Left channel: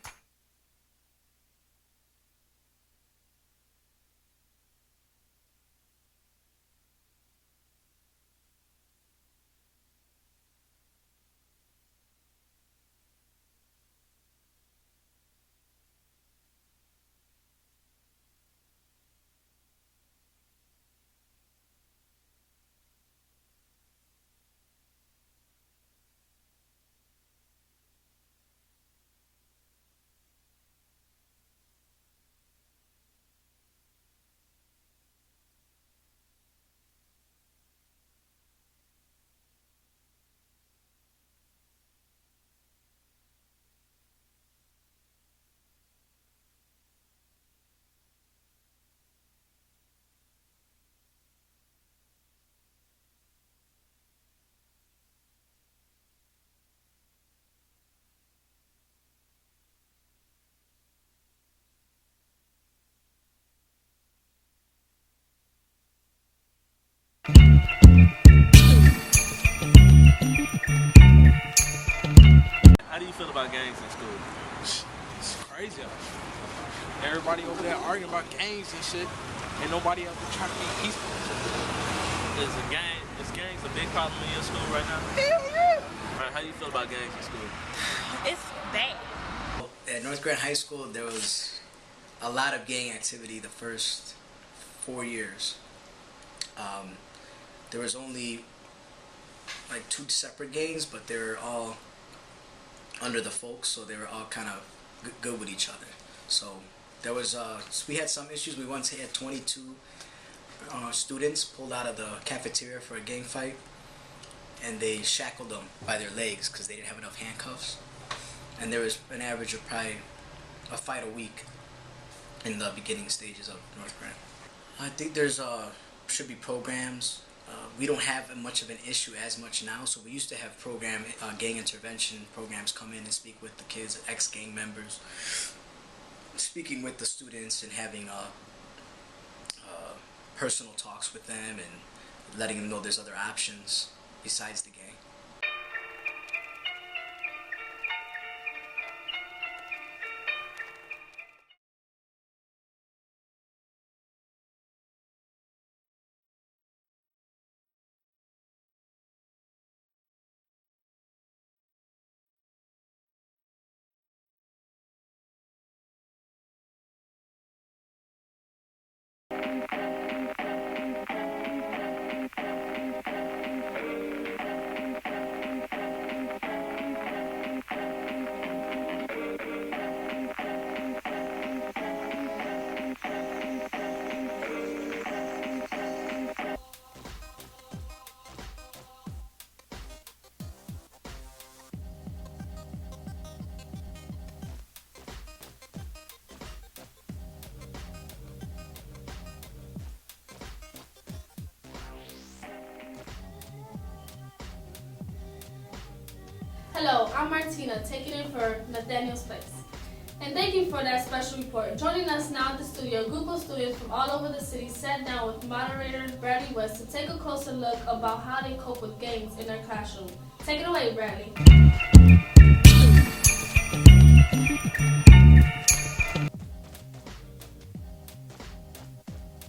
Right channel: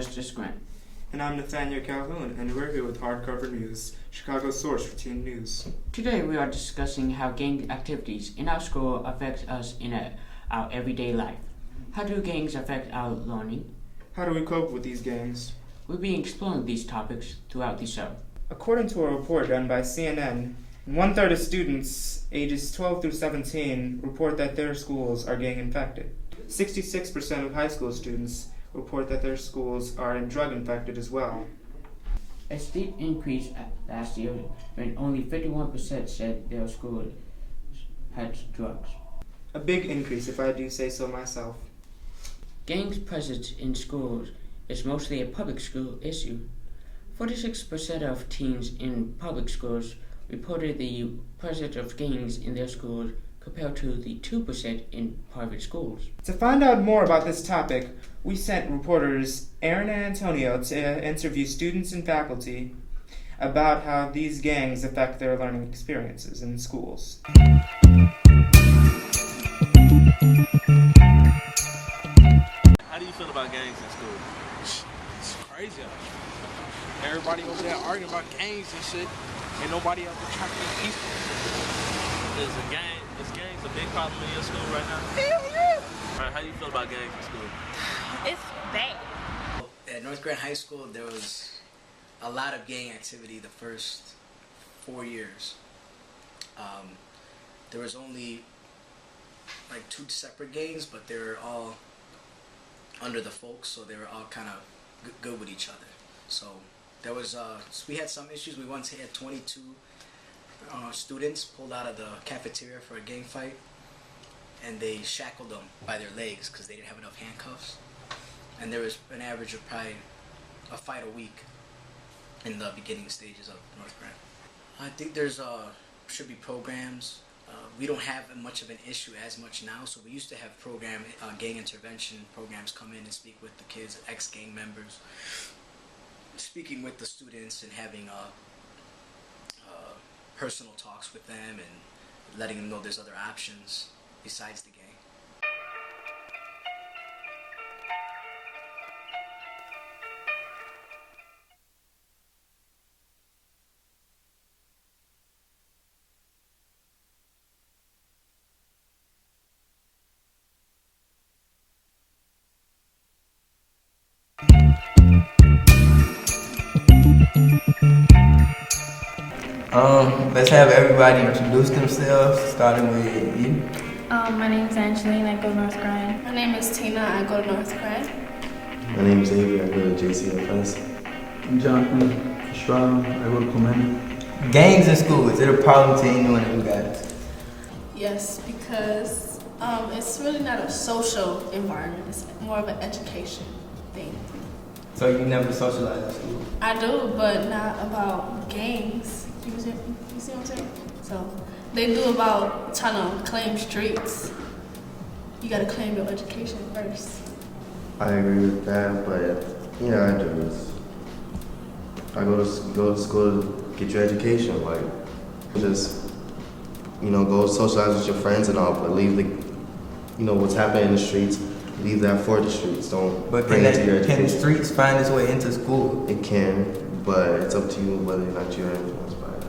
Justice Grant. And I'm Nathaniel Calhoun, and we're here with Hardcover News, Chicago's source for teen news. Today we are discussing how gang activities in our school affect us in our everyday life. How do gangs affect our learning? How do we cope with these gangs? We'll be exploring these topics throughout the show. According to a report done by CNN, 1/3 of students ages 12 through 17 report that their schools are gang infected. 66% of high school students report that their schools are drug infected as well. A steep increase last year when only 51% said their school had drugs. A big increase, if I do say so myself. Gangs' presence in schools is mostly a public school issue. 46% of teens in public schools reported the presence of gangs in their schools compared to the 2% in private schools. To find out more about this topic, we sent reporters Aaron and Antonio to interview students and faculty about how these gangs affect their learning experiences in schools. How do you feel about gangs in school? It's crazy out here. Everybody over there arguing about gangs and shit, and nobody out there trying to be peaceful and shit. Is gangs a big problem in your school right now? Hell yeah! Right, how do you feel about gangs in school? It's bad. At North Grand High School, there was a lot of gang activity the first 4 years. There was only like 2 separate gangs, but they were all under the folks, so they were all kind of good with each other. So there was we had some issues. We once had 22 students pulled out of the cafeteria for a gang fight, and they shackled them by their legs because they didn't have enough handcuffs. And there was an average of probably a fight a week in the beginning stages of North Grand. I think there's should be programs. We don't have much of an issue as much now, so we used to have gang intervention programs come in and speak with the kids, ex-gang members, speaking with the students and having personal talks with them and letting them know there's other options besides the gang. Let's have everybody introduce themselves, starting with you. My name is Angeline. I go to North Grand. My name is Tina. I go to North Grand. My name is Avery. I go to JCFS. I'm Jonathan Strong. I go to Clement. Gangs in school, is it a problem to anyone who got it? Yes, because it's really not a social environment. It's more of an education thing. So you never socialize in school? I do, but not about gangs. You see what I'm saying? So they do about trying to claim streets. You gotta claim your education. Hello, I'm Martina. I agree with that, but yeah, I do. And thank you for that special report. Joining us I go to school to get your education, like, just, go socialize with your friends and all, but leave what's happening in the streets, leave that for the streets, don't bring it to your Can the streets find its way into school? It can, but it's up to you whether or not you're influenced by it.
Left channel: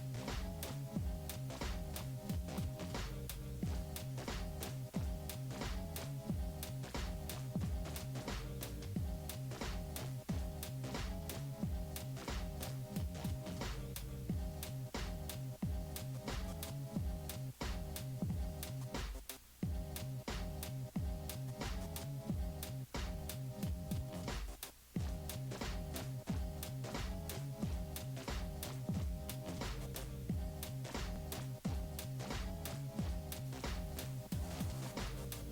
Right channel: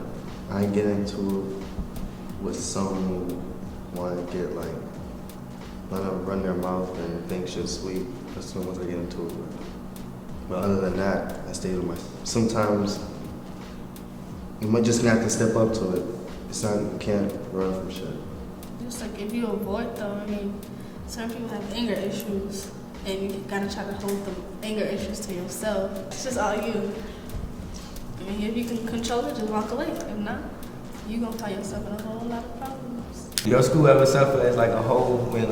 I get into it with some who want to get, want to run their mouth and think shit's sweet. That's the ones I get into it with. But other than that, I stay with myself. Sometimes you might just have to step up to it. It's not, you can't run from shit. Just like if you avoid though, some people have anger issues and you gotta try to hold the anger issues to yourself. It's just all you. If you can control it, just walk away. If not, you're gonna find yourself in a whole lot of problems. Your school ever suffer as like a whole when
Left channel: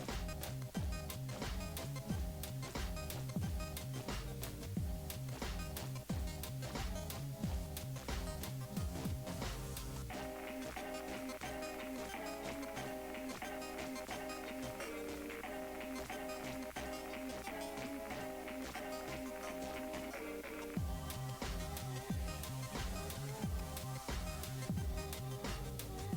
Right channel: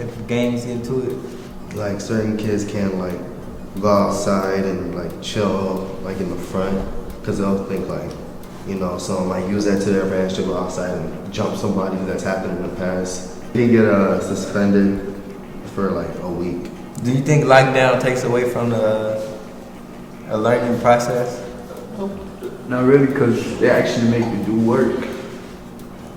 if gangs into it? Like certain kids can't go outside and chill in the front because they'll think someone might use that to their advantage to go outside and jump somebody that's happened in the past. They get suspended for a week. Do you think lockdown takes away from the learning process? Not really, because they actually make you do work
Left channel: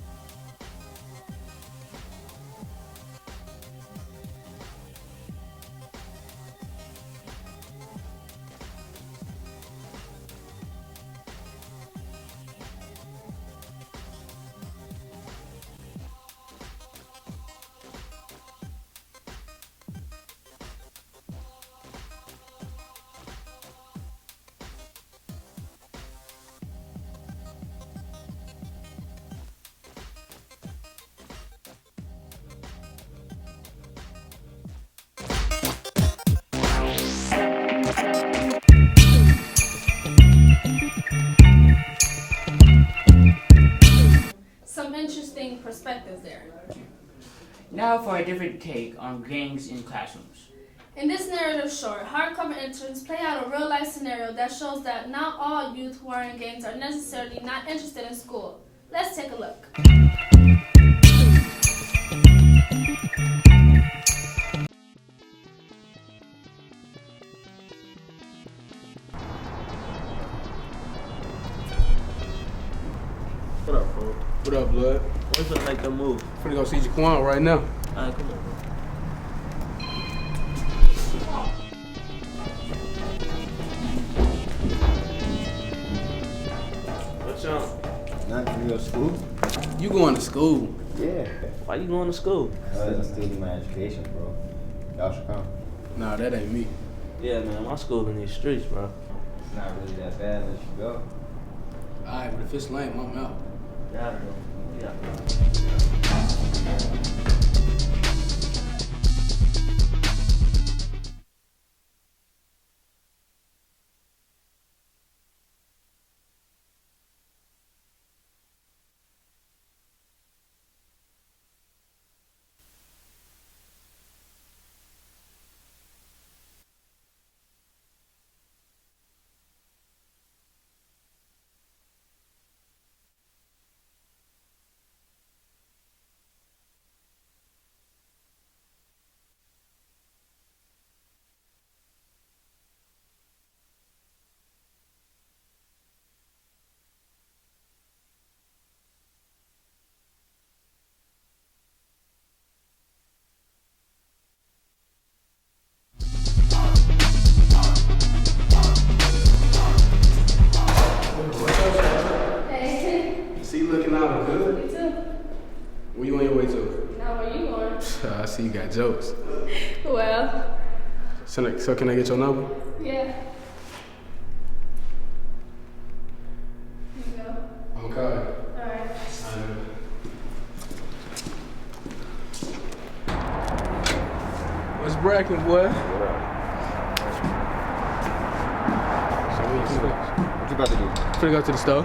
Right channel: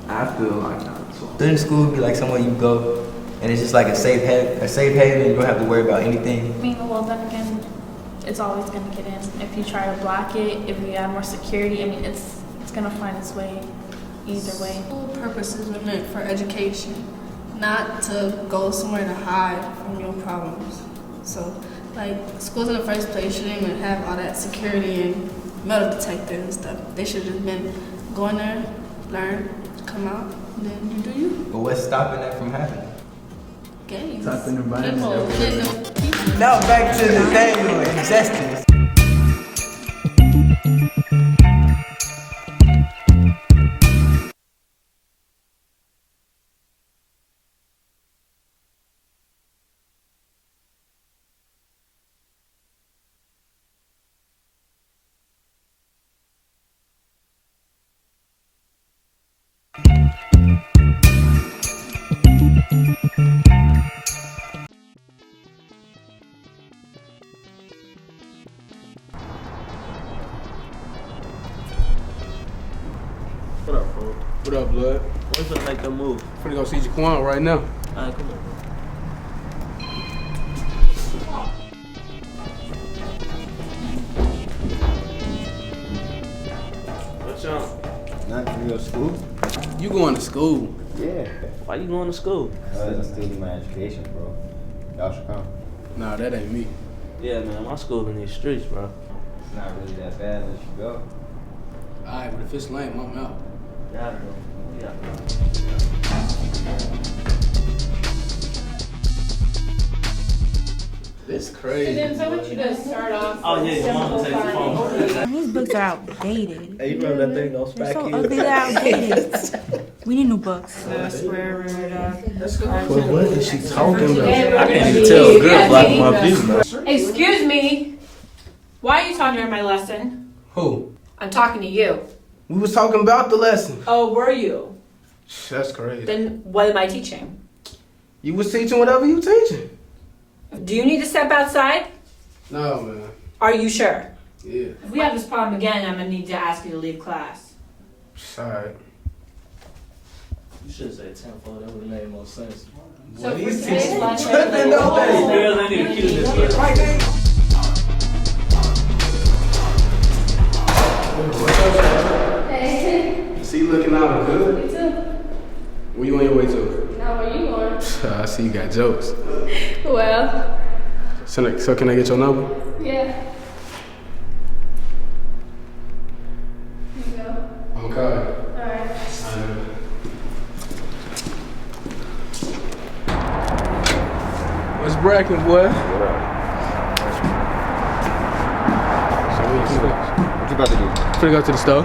after the lockdown. So Shouldn't school be somewhere you go and it's just a safe haven and you don't have to worry about anything? Being a well back in it's always gonna get in. If you try to block it, if you add more security, I mean, it's gonna find its way either way. School purposes are meant for education, not to go somewhere to hide from your problems. So, like, schools in the first place shouldn't even have all that security and metal detectors and stuff. They should have just been going there, learn, come out, and then you do you. But what's stopping that from happening? Games. Type in the environment. People. Now back to the game of existence. Some interesting perspectives there. Now for a different take on gangs in classrooms. In this narrative short, hardcover interns play out a real-life scenario that shows that not all youth who are in gangs are necessarily not interested in school. Let's take a look. What up, bro? What up, blood? When's gonna make them move? Finna go see Jaquan right now. Alright, come on, bro. What's up? Nothing for your school? You going to school? Yeah. Why you going to school? I'm still getting my education, bro. Y'all should come. Nah, that ain't me. Yeah, man, my school in these streets, bro. It's not really that bad unless you go. Alright, but if it's lame, I'm out. Yeah, bro. Yeah. It's crazy. Oh, yeah, your mama take the phone. These books are outdated. Hey, you remember that thing, those They're fat so kids? ugly, they're outdated. We need new books. What is she talking about? I can't even tell a good black from my view, bro. Excuse me. Why are you talking during my lesson? Who? I'm talking to you. We was talking about the lesson. Oh, were you? That's crazy. Then what am I teaching? You was teaching whatever you teaching. Do you need to step outside? No, man. Are you sure? Yeah. If we have this problem again, I'm gonna need to ask you to leave class. Alright. You should say 10-4, that would have made more sense. So What for is today's teaching? lesson, Girls, I need to cue this one. Hey. See you looking out good. You too. Where you on your way to? Now where you going? I see you got jokes. Well, So can I get your number? yeah. Here you go. Okay. Alright. What's bracking, boy? What you about to do? Finna go to the store.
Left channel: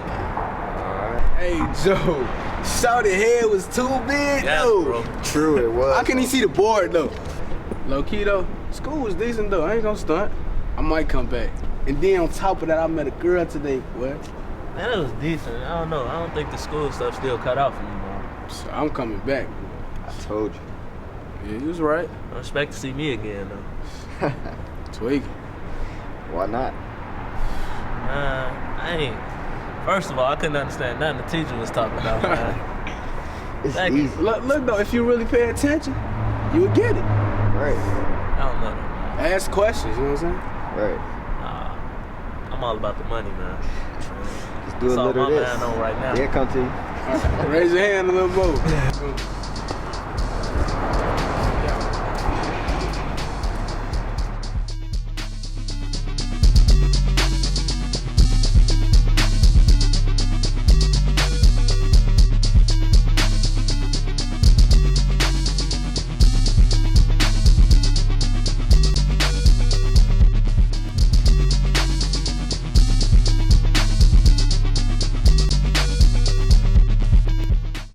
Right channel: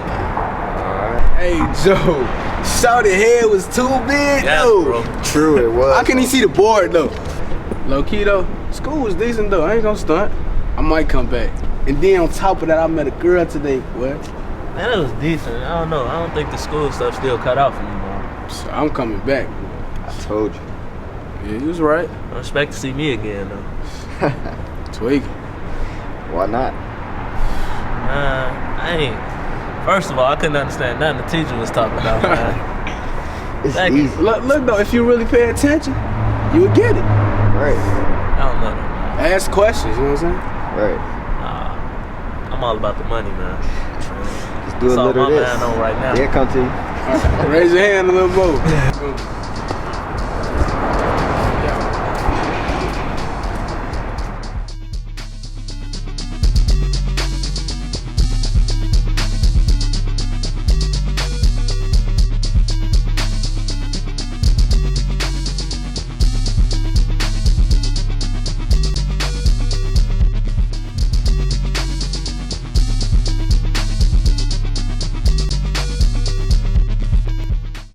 Hey, Joe. Shawty head was too big, Yes, though. bro. True, it was. How can he see the board, though? Low key, though, school was decent, though. I ain't gonna stunt. I might come back. And then on top of that, I met a girl today, boy. Man, it was decent. I don't know. I don't think the school stuff still cut out for me, bro. So I'm coming back. I told you. Yeah, you was right. I expect to see me again, though. Tweaking. Why not? I ain't. First of all, I couldn't understand nothing the teacher was talking about, man. It's Thank you. easy. Look, though, if you really pay attention, you would get it. Right. I don't know, man. Ask questions, you know what I'm saying? Right. I'm all about the money, man. Just do That's a all little my of this. man on right now. Yeah, come to you. Raise your hand a little more.